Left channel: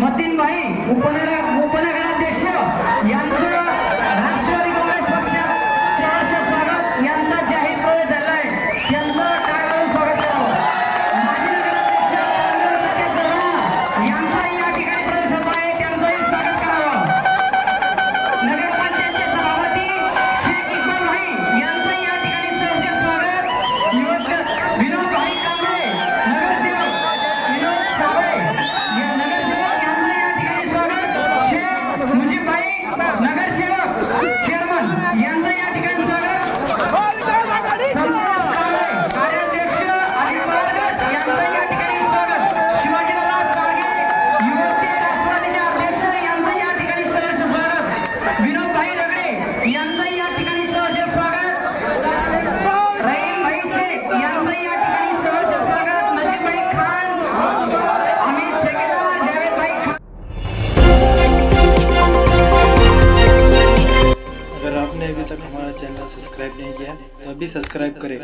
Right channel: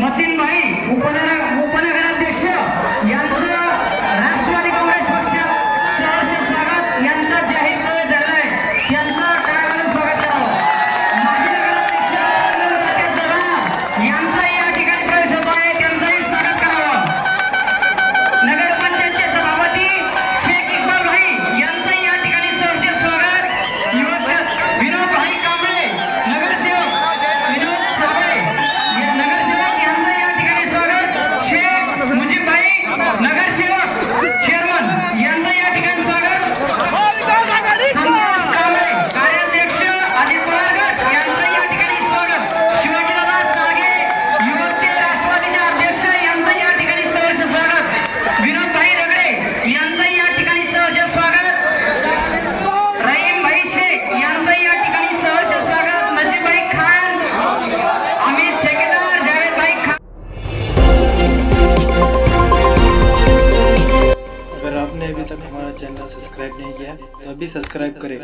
मतीन भाई उपनगराध्यक्ष यांचं राष्ट्रवादी काँग्रेस पक्षात सहर्ष स्वागत, यांचा जाहीर प्रवेश झाला आहे, त्यांचं टाळ्यावाजून स्वागत करावं। माजी नगराध्यक्ष यांचा या ठिकाणी प्रवेश होत आहे, त्यांचंही स्वागत करावं। नगरपंचायतचे सभापती शेख इक्बाल भाई यांचंही या ठिकाणी सहर्ष स्वागत। विनोद भाई कांबळे नगरसेवक, विनोद साबळे नगरसेवक यांचं या ठिकाणी स्वागत। शेख मुजीब भाई नगरसेवक चेअरमन यांचं या ठिकाणी स्वागत। संतोष कांबळे कार्याध्यक्ष अजित पवार गट यांचं या ठिकाणी स्वागत। शिवाजीदादा चाळगे युवकचे राष्ट्रवादीचे अध्यक्ष यांचं या ठिकाणी सहर्ष स्वागत। विनोद भाई रगडे यांचं या ठिकाणी सहर्ष स्वागत। रहीम भाई शेख यांचं या ठिकाणी सहर्ष स्वागत। नजीब भाई खान, अमित ठेकेदार, जावेद भाई खान। अगर आपने अभी तक हमारा चैनल सब्सक्राइब नहीं किया तो अभी सब्सक्राइब करें।